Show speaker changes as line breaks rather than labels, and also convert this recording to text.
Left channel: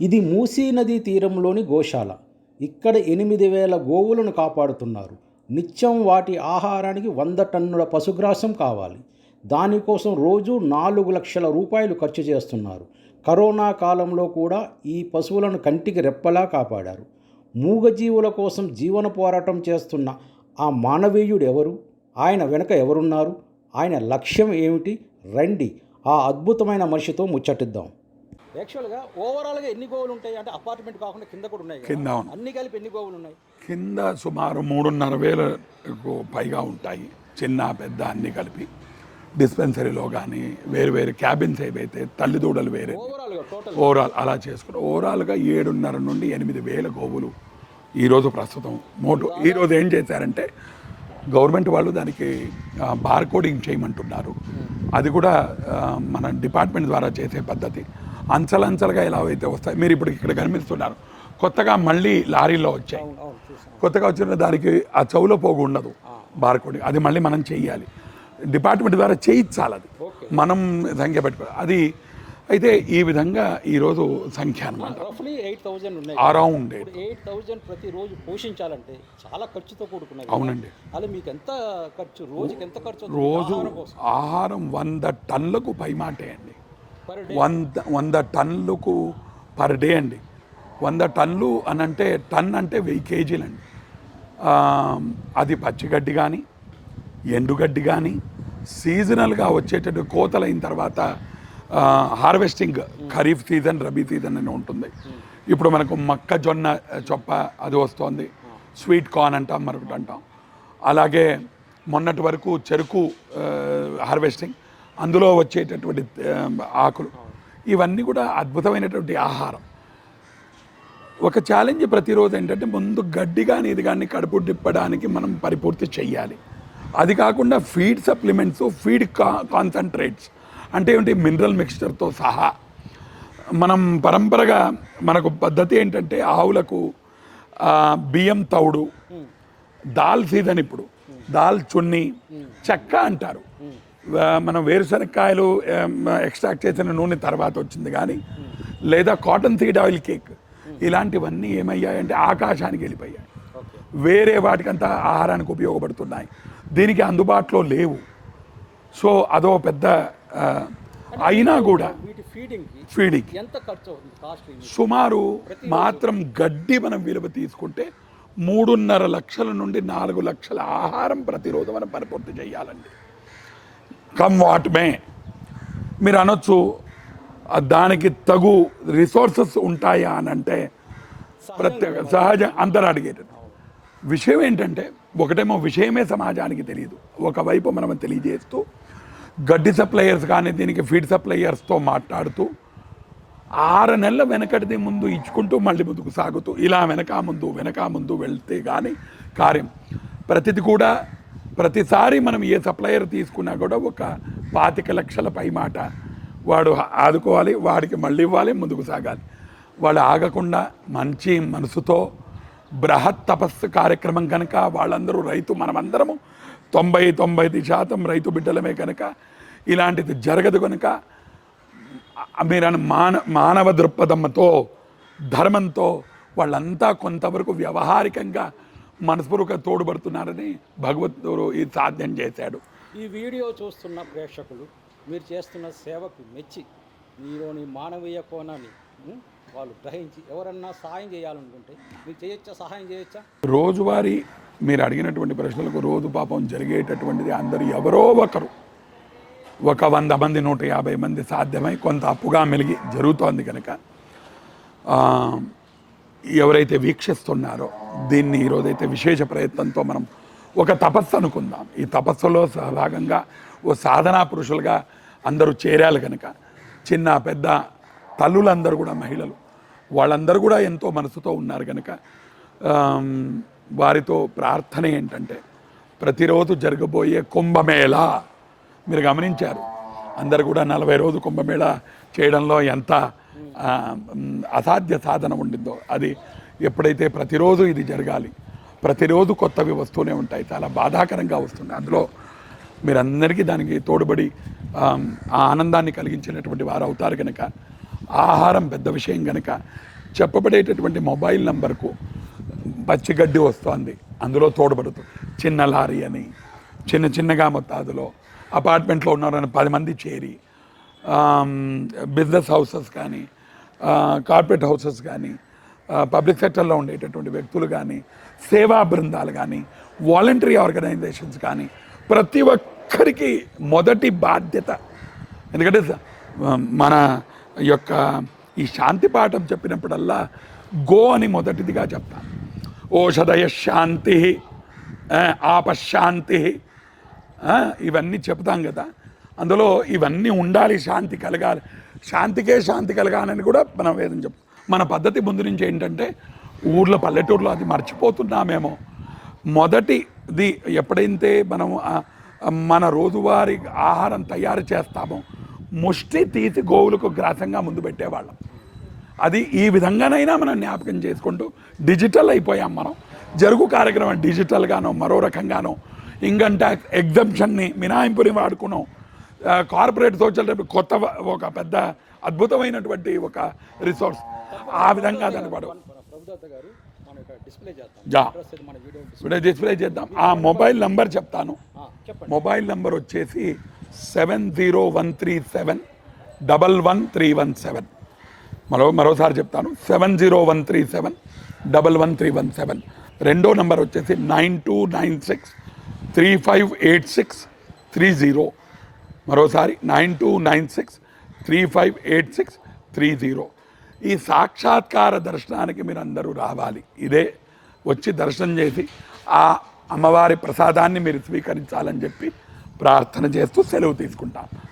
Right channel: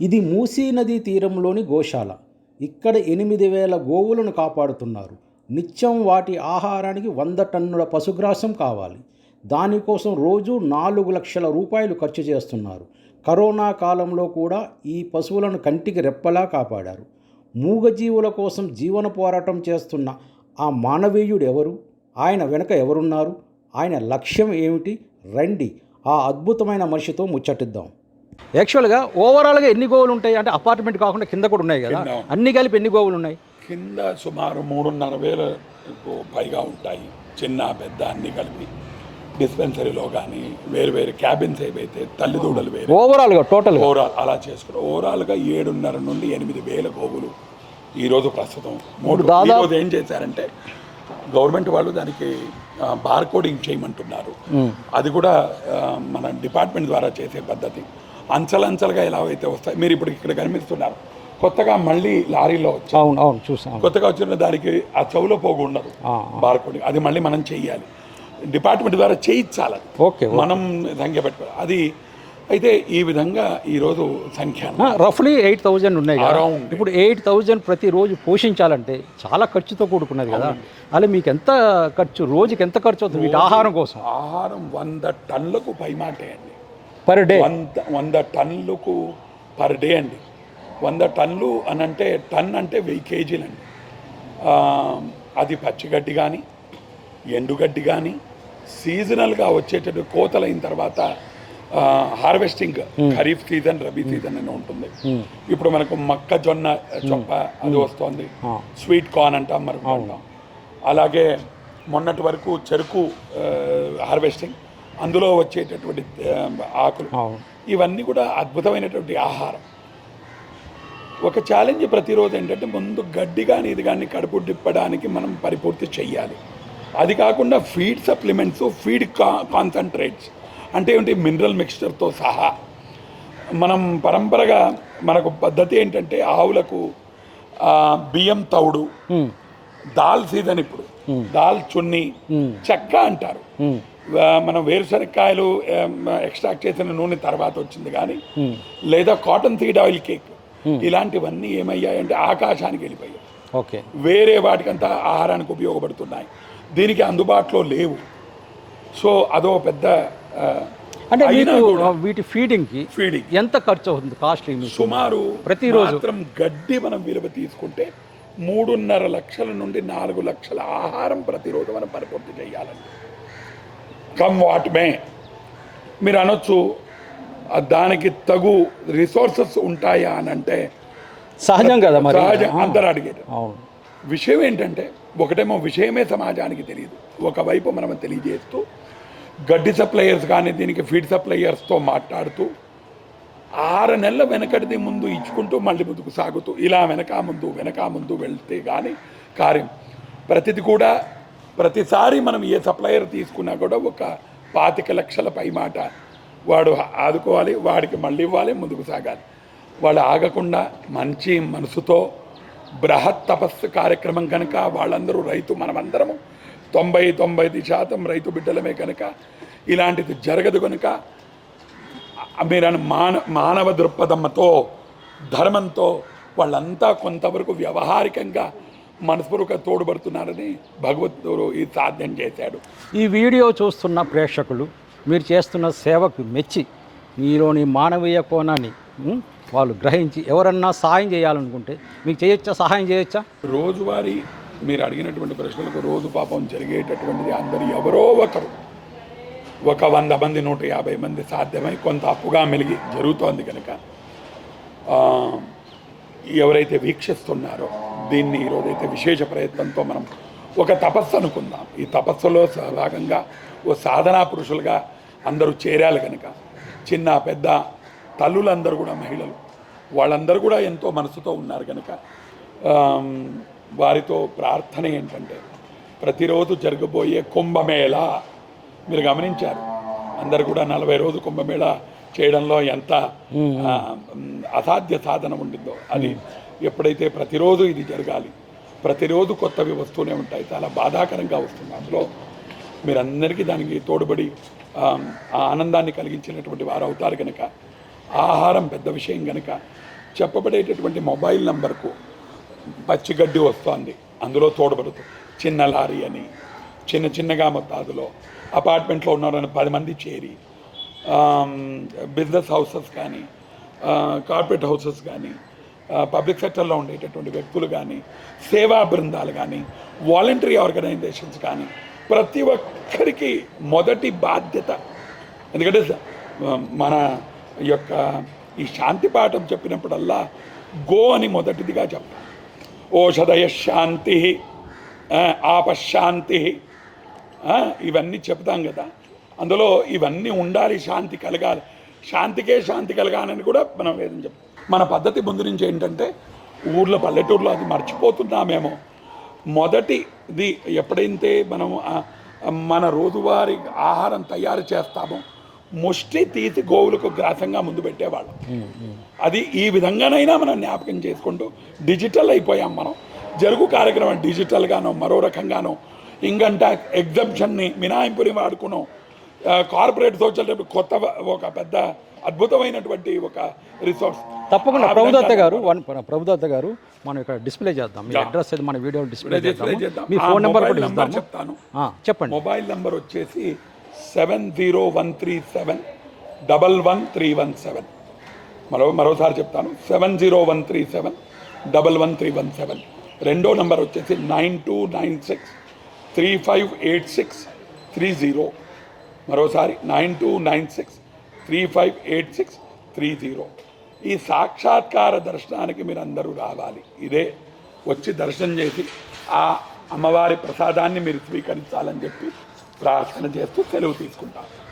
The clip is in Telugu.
ఇది మూసీ నదీ తీరంలోని గోశాల. ఇక్కడ ఎనిమిది వేల గోవులను కాపాడుతున్నారు. నిత్యం వాటి ఆహారానికి వంద టన్నుల పశుగ్రాసం కావాలి. దానికోసం రోజు నాలుగు లక్షల రూపాయలు ఖర్చు చేస్తున్నారు. కరోనా కాలంలో కూడా ఈ పశువులను కంటికి రెప్పలా కాపాడారు. మూగజీవుల కోసం జీవన పోరాటం చేస్తున్న ఆ మానవీయుడు ఎవరు? ఆయన వెనుక ఎవరున్నారు? ఆయన లక్ష్యం ఏమిటి? రండి ఆ అద్భుతమైన మనిషితో ముచ్చటిద్దాం. యాక్చువల్గా ఓవరాల్గా ఎన్ని గోవులు ఉంటాయి? అంటే అపార్ట్మెంట్ కాకుండా కింద కూడా ఉన్నాయి కదా. అన్ని కలిపి ఎన్ని గోవులు ఉన్నాయి?
కింద సుమారు మూడున్నర వేలకు పైగా ఉంటాయి. చిన్న పెద్ద అన్ని కలిపి. డిస్పెన్సరీలో కానీ వేరు వేరు క్యాబిన్స్ ఏవైతే తల్లిదూడలు వేరు
ఓవరాల్గా టోటల్
ఓవరాల్ అలా చేసుకుని ఓవరాల్గా ఏడున్నర నుండి ఎనిమిది వేల గోవులు ఈరోజు ప్రస్తుతం మూడు ఈరోజు ఏం చేశారంటే గవర్నమెంట్ వాళ్ళు దానికి బార్ కోడింగ్ చేయమంటున్నారు. అది కూడా మన డిపార్ట్మెంట్ ద్వారా చేసే పద్ధతి. అంచలంచలుగా అయితే వస్తాయి మీరు ఇప్పుడు ఇక్కడ కనిపిస్తున్నారు. కొత్తగా మళ్ళీ లారీలో వచ్చాయి
అవును అవును చూసాం
కొత్తగా వచ్చిన దానికి ఆ చెవులో పోగు ఉండదు బార్ కోడింగ్ అది మళ్ళీ మనం చెయ్యాలి. డిపార్ట్మెంట్ ద్వారా చేయించాలి.
ఓకే
మనం సంఖ్య పెట్టుకో అది అయితే ఈ విధంగా ఈరోజు సంఖ్య
రఫ్లీ ఎయిట్ థౌజండ్ ఉన్నాయి
అరౌండ్
ఇప్పుడు ఎయిట్ థౌజండ్ ప్రతిరోజు పోషించాలంటే చాలా ఖర్చుతో కూడుకున్నది కదా. అలా మీకు ఎంత ఖర్చు రోజుకి ఎంత ఖర్చు అవుతుంది? ఆహారం కోసం.
ఆహారం వంద టన్నులకు పైమాటే అండి.
పర్ డే
వంద వంద టన్నులకు పర్ డే అండి. వంద టన్నులు అని అంటే టన్ అంటే వెయ్యి కేజీలు అండి అది పచ్చిగడ్డి కానీ ఎండుగడ్డి కానీ సీజనల్గా వచ్చేటట్టు కోతలైన తర్వాత harvesting kharif season rabi season అని ఉంటుంది. ఇప్పుడు మనకు మొక్కజొన్న చొప్ప అది వస్తుంది. స్వీట్ కార్న్ అంటాం మరొకటి అంటాం. అలాగే మొన్నటి వరకు చెరుకు హార్వెస్టింగ్ అందులో వచ్చేటటువంటి ఆకులు. ఇవన్నీ కూడా అద్భుతమైనటువంటి ఆహారం. ఒక ఛాలెంజ్ ప్రతిరోజు ఏంటంటే ముందు గడ్డి కానీ ఇది కానీ కడుపు తిప్పడానికి మనం పరిపూర్తి చెయ్యాలి. అది కాకుండా ఫీడ్ సప్లిమెంట్స్ ఫీడ్ కా కాన్సన్ట్రేట్స్ అంటే ఏంటి మినరల్ మిక్స్చర్తో సహా. మనం పరంపరగా మనకు పద్ధతి ఏంటంటే ఆవులకు బియ్యం తౌడు దాల్ సీజన్ ఇప్పుడు. దాల్ చున్ని చెక్క అంటారు. మనం వేరుశనక్కాయలు ఎక్స్ట్రాక్ట్ చేసిన నూనె తర్వాత వచ్చింది కానీ లేదా కాటన్ సీడ్ ఆయిల్ కేక్ ఇలాంటివన్నీ ఏమయ్యాయంటే ఆకాశానికి వెళ్ళిపోయాయి.
ఓకే.
వేరే వాటికంతా ఆహారానికి ఉపయోగపడుతున్నాయి. దీనికి అందుబాటులో లేవు. సో అదో పెద్ద
అంటే
అయినా కూడా
వీటి ఫీడింగ్కి
ఫీడింగ్
ఎంత ఖర్చు అవుతుంది కాస్ట్లీ
సుమారు
ప్రతిరోజు.
మాత్రం గడ్డి మనం విలువ తీసుకుంటే మూడున్నర లక్షల నుండి నాలుగు లక్షల ఆహారం ప్రతిరోజు మనం పరిపూర్తి చేయాలండి. Come what may. మీరు అనొచ్చు దానికి తగు రిసోర్సెస్ ఉంటాయా అని అంటే
సహజం కదా
సహజ అందరూ అడిగేది.
అవును.
విషయం ఏంటంటే ఒకటేమో విషయమే సమాజానికి తెలియదు. ఒకవైపు మనం తెలియజేస్తూ గడ్డి సప్లయర్స్ కానీ దీనికి ఫీడ్ సప్లయర్స్తో మాట్లాడుతూ ఆరు నెలల వెనకటిది ముందు ఇచ్చుకుంటూ మళ్ళీ ముందుకు సాగుతూ ఇలా వెనక ముందు వెనక ముందు వెళ్తే కానీ కార్యం ప్రతిది కూడా ప్రతిసారి మనం ఏ సప్లయర్ తీసుకున్నా కూడా ఒక పాతిక లక్షల పై మాట వాడు ఆదుకోవాలి వాడికి మళ్ళీ ఇవ్వాలి ముందుకు సాగాలి. వాళ్ళు ఆగకుండా మంచి మనసుతో బృహత్ తపస్సు కార్యక్రమం కనుక వాళ్ళందరూ రైతు మనమందరము తొంభై తొంభై శాతం రైతు బిడ్డలమే కనుక ఇలాంటిది జరగదు కనుక మీరు మాన మానవ దృక్పథంతో ధర్మంతో వాళ్ళంతా కొంతవరకు వ్యవహారికంగా మనస్పూర్వక తోడ్పడుతున్నారని భగవద్గురు ఇది సాధ్యం చేశాడు.
ఈ వీడియో చూస్తున్న ప్రేక్షకులు మీరు చేస్తున్న సేవకు మెచ్చి మీలోని మానవీయ కోణాన్ని వాళ్ళు గ్రహించి ఎవరన్నా సహాయం చేయాలనుకుంటే మీకు చేయొచ్చా సహాయం చేయొచ్చా?
రోజువారీ మీరు అడిగినటువంటి ప్రశ్నలకు రోజు పాపం జరిగేటటువంటిది అందరూ ఎవరో ఒకరు. ఒక వంద మంది నూట యాభై మంది సాధ్యమై కొంత అప్పుగా మెలిగి జరుగుతోంది కనుక ఎవరైతే వీక్షిస్తున్నారో దీన్ని ఈరోజైతే విశేష ప్రయత్నంతో మనం ఒక తపస్సు అనుకుందాం. ఈ తపస్సులో భాగంగా ఓ సాధనా పురుషులుగా అందరూ చేరాలి కనుక చిన్న పెద్ద తల్లులందరూ కూడా మహిళలు. వాళ్ళందరూ కూడా ఎంతో మనసుతో ఉన్నారు కనుక వారితో ప్రార్థన ఏంటంటే ప్రతిరోజు జరగబోయే కుంభమేళ మీరు గమనించారు. అందరు కూడా నలభై రోజు కుంభమేళ చేయడంలో ఎంత అసాధ్య సాధన ఉండిందో అది ఎప్పుడైతే ప్రతిరోజు ఇది జరగాలి ప్రతిరోజు కొత్తవి వస్తూనే ఉంటాయి చాలా బాధాకరంగా వస్తుంది. అందులో మీరందరికీ దానికి ఆ ఆనందాన్ని కలిగించినటువంటి వారు అవుతారు కనుక ఆహారం పెద్ద విషయం కనుక చెప్పబడేటటువంటి మొబైల్ నంబర్కు పచ్చిగడ్డి వస్తోంది అందులో తోడుపడుతుంది. చిన్న లారీ అని చిన్న చిన్నగా మొత్తాదులో అపార్ట్మెంట్లో ఉన్నారని పది మంది చేరి Um, బిజినెస్ హౌసెస్ కానీ uh, కార్పొరేట్ హౌసెస్ కానీ uh, పబ్లిక్ సెక్టర్లో ఉండేటటువంటి వ్యక్తులు కానీ సేవా బృందాలు కానీ వాలంటరీ ఆర్గనైజేషన్స్ కానీ ప్రతి ఒక్కరికి మొదటి బాధ్యత. ఎందుకంటే మన యొక్క ఈ శాంతి పాఠం చెప్పినప్పుడల్లా గో అని మొదటిదిగా చెప్తాం. ఓషధయ శాంతి ఆపశాంతి ఇవన్నీ చెప్తాం కదా. అందులో ఇవన్నీ ఉండాలి శాంతి కలగాలి. శాంతికే శాంతి కలగాలని కూడా మనం వేదం చెప్పు మన పద్ధతి ముందు నుంచి ఏంటంటే ఊర్లో పల్లెటూరులో అది మర్చిపోతున్నామేమో. మొదటిది ఎప్పుడైతే మనం మన రోజువారీ ఆహారం తయారు చేస్తామో ముష్టి తీసి గోవులకు గ్రాసంగా ముందు పెట్టేవాళ్ళం. అది ఈ విధంగానైనా మనం జ్ఞాపకం చేసుకుంటూ డిజిటల్ అయిపోయాం మనం. జరుగు కార్యక్రమం డిజిటల్గానో మరో రకంగానో ఇన్కమ్ ట్యాక్స్ ఎగ్జంప్షన్ని మినాయింపుని వాడుకున్నాం కార్పొరేట్ సోషల్ కొత్త ఒక పెద్ద అద్భుతమైనటువంటి ఒక రిసోర్స్
తప్పకుండా. ప్రభుదత్త గారు ప్రభుదత్త గారు మనం ఇక్కడ డిస్ప్లే చేద్దాం. మీ. అడ్రస్ అది మన వీడియో డిస్ప్లే
డిస్ప్లే చేద్దాం.
మీ ఫోన్ నెంబర్
నంబర్. చెప్తాను.
ఆ, చెప్పండి.
మొబైల్ నంబర్ వచ్చేసి seven zero one three seven double one three one seven మరో మరోసారి చెప్తాను. Seven zero one three seven double one three one seven రెండో నంబర్ వచ్చేసి nine two nine six three five eight six three zero మరోసారి nine two nine six three five eight six three zero. ఈ సాక్షాత్కార దర్శనానికి మీరు అందరూ రావాలి. ఇదే వచ్చి దర్శనం చేసి ఆ అమ్మవారి ప్రసాదాన్ని మీరు స్వీకరించాలని చెప్పి ప్రార్థన చేస్తూ సెలవు తీసుకుంటాను